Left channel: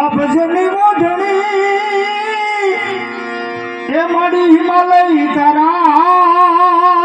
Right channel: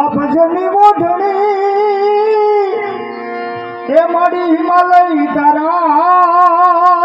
આ ભજનની મોઢણી એ મારી હિમાલય તારા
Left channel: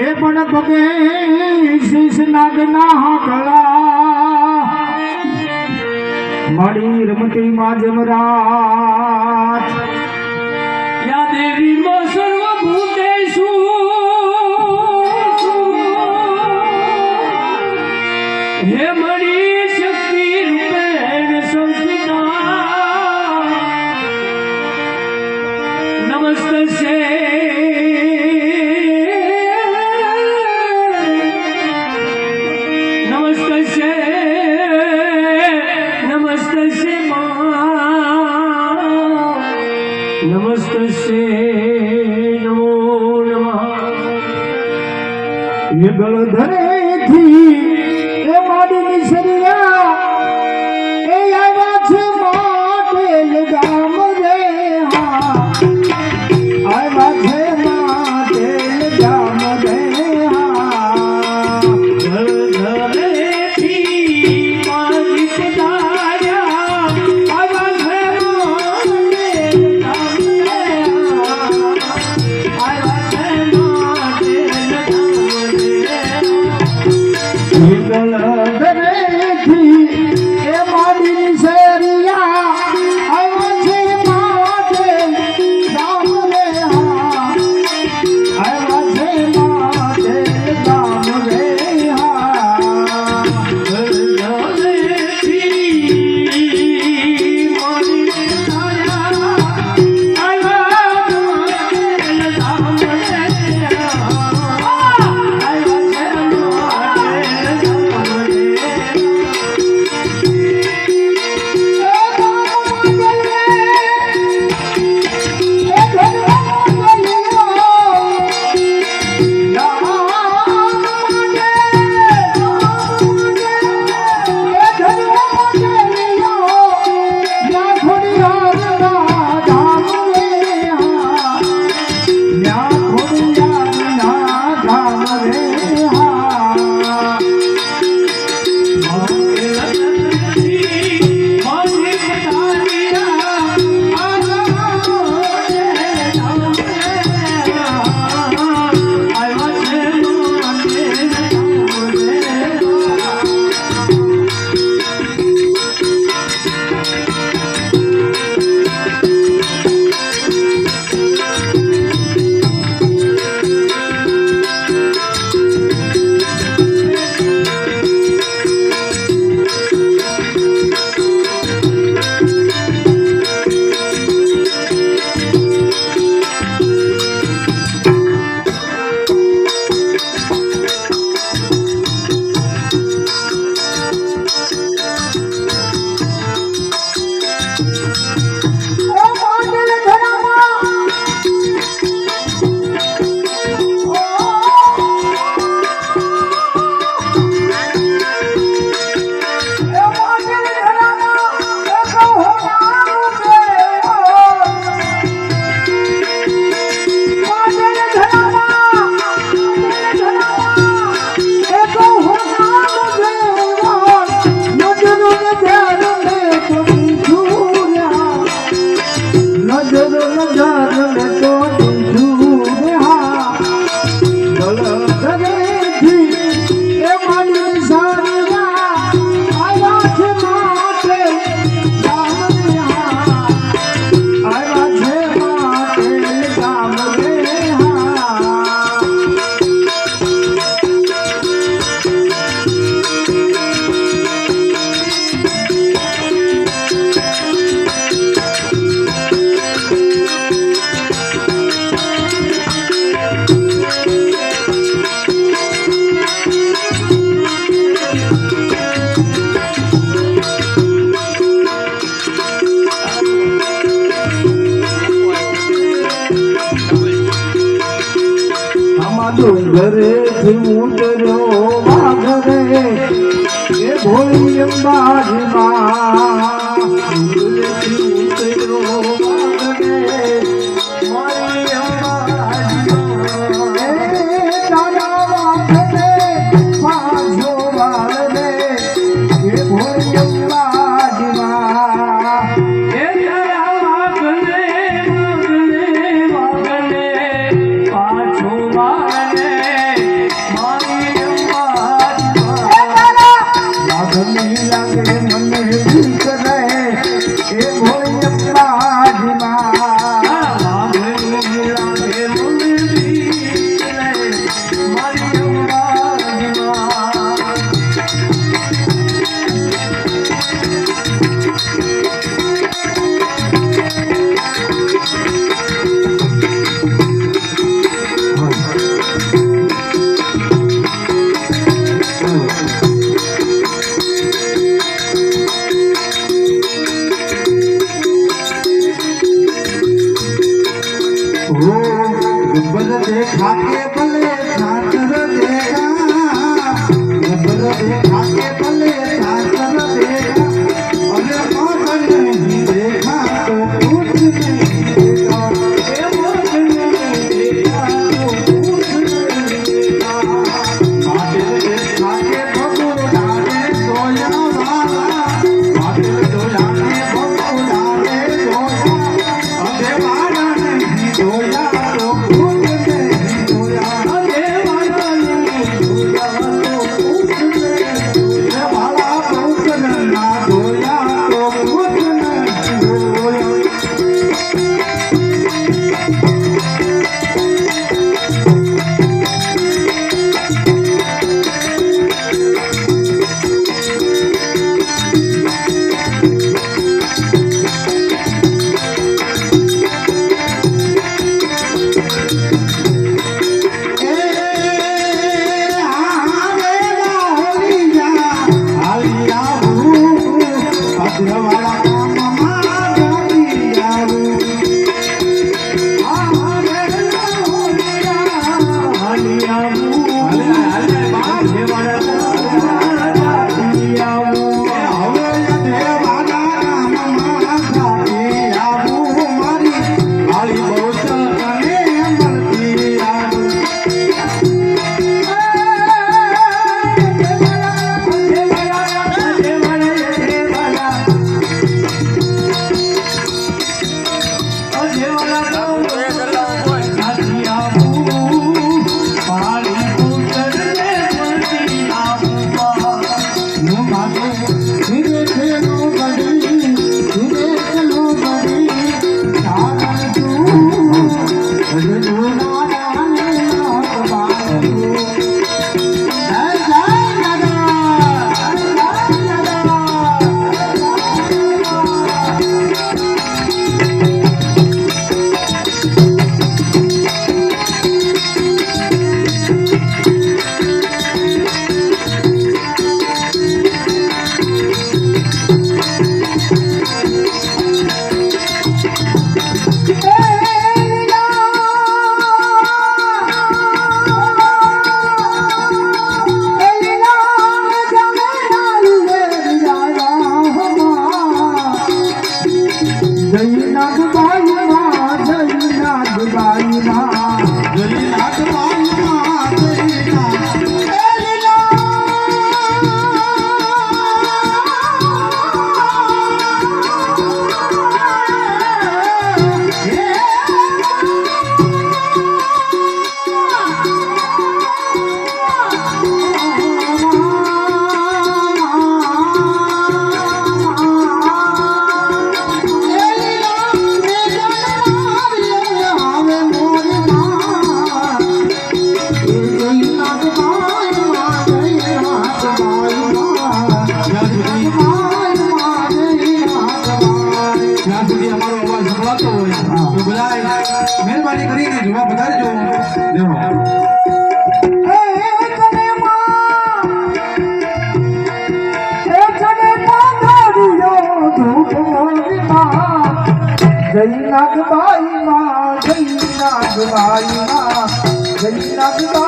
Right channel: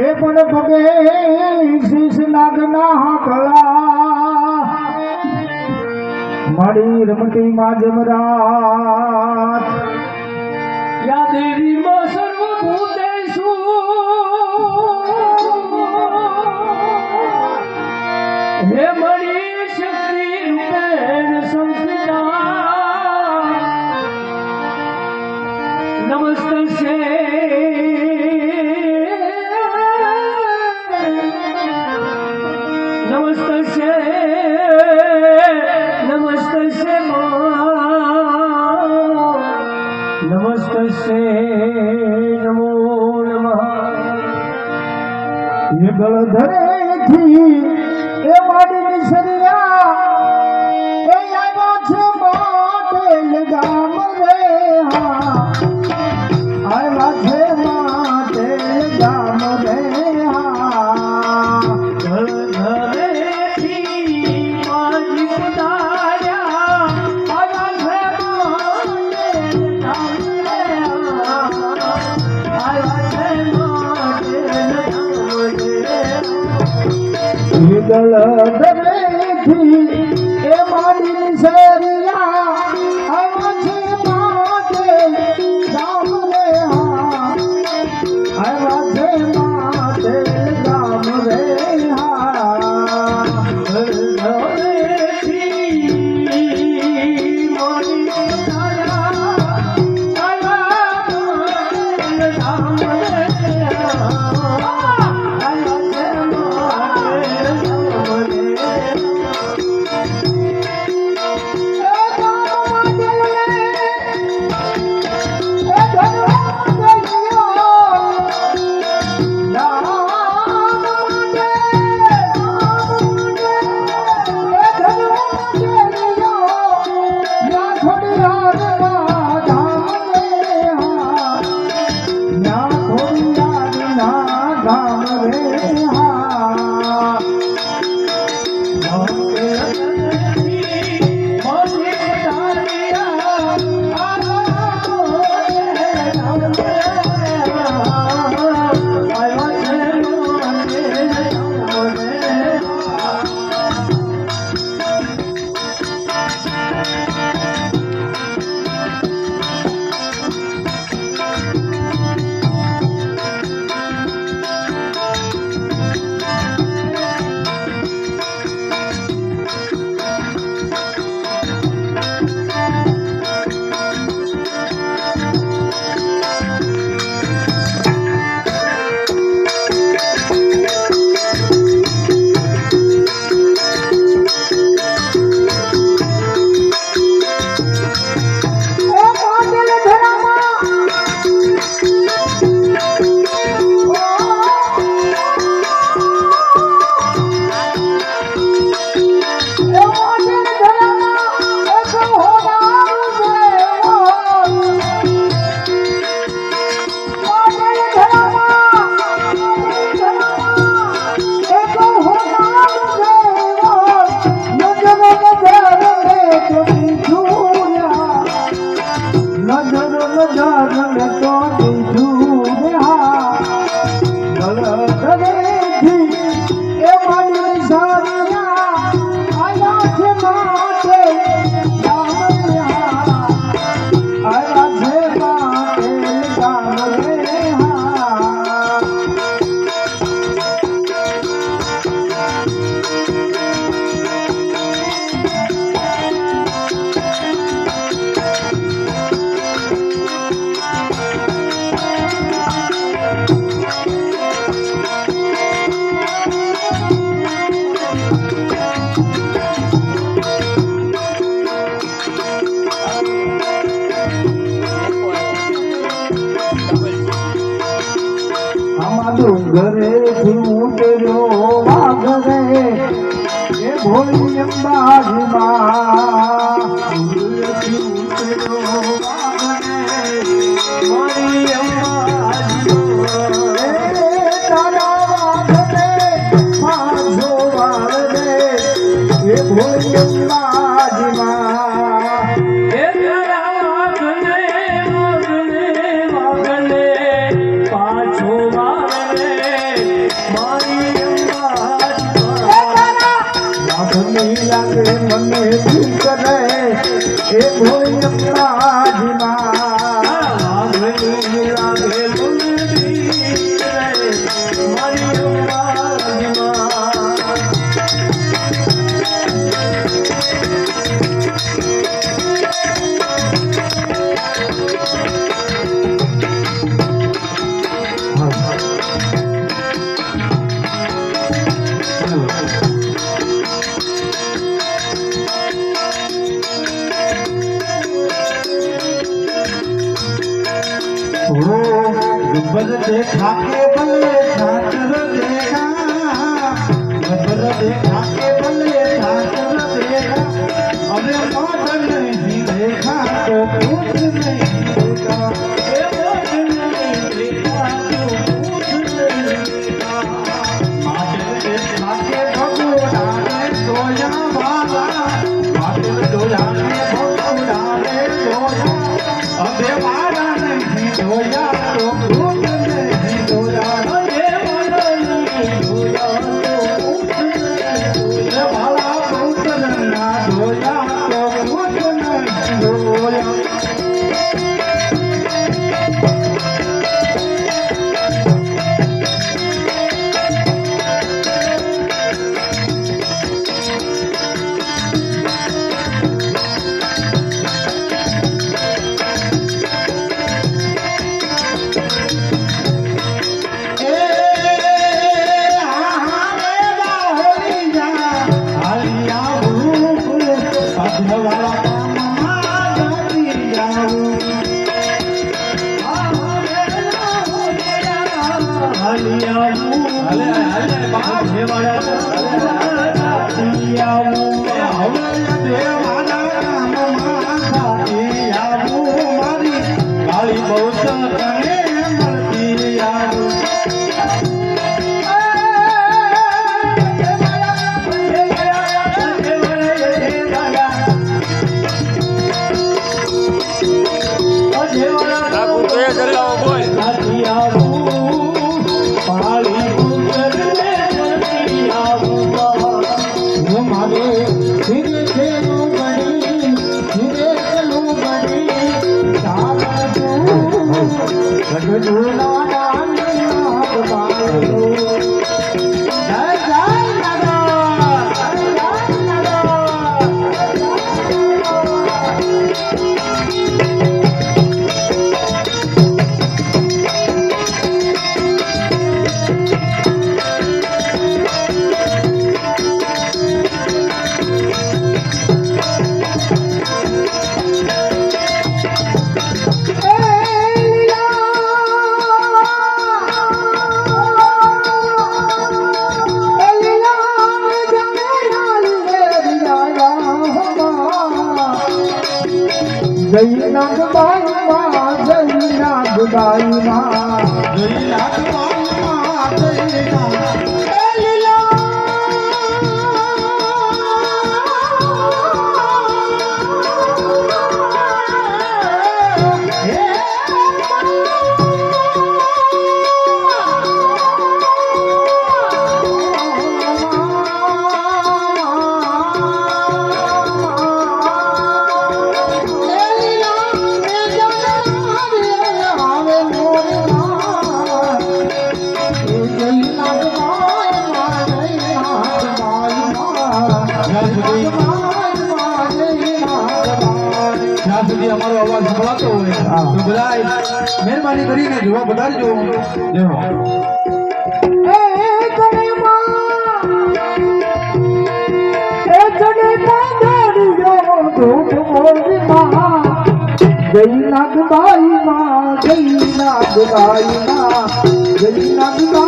એ પણ પગે શીશ નાગના હાકળા મારી રમતી માં જમરાત યા દેવી માં સર્વભૂતેષુ હે મારી શક્તિ રૂપેણ સંસ્થિતા નમસ્તે નમસ્તે નમો નમઃ યુગલ ધરેથી એ માડી શરીરા એ આવ્યા છે માટે ગામ રે હા આવ્યા છે માટે ગામ રે ઘરે ઉતર્યો વાઘરે એ ભોળી અંબાજીમાં ઉતર્યો વાઘરે મારી અંબાજીમાં એ દાદા વાઘરે પાછો વાઘરે એ ભોળી અંબા ગમી લાગે મને ભૂખ રહે એ ભોળી અંબાજીમાં ગમી લાગે મને ભૂખ રહે મારી અંબાજીમાં गुब्बद देखा के बल्ले सातर देगा गुब्बद देखा के बल्ले सातर देगा अरे मौत नहीं देखा तो कुछ नहीं देखा ए मौत नहीं देखा तो कुछ नहीं देखा बादल देखा के भगोड़ा दे सोया वाला बादल सोया के भगोड़ा दे सोया अबे वाला नहीं सोया મહેરબાની કરીને જોવા વધારજો જય નાગબાઈ માં જય નાગબાઈ માં જય નાગબાઈ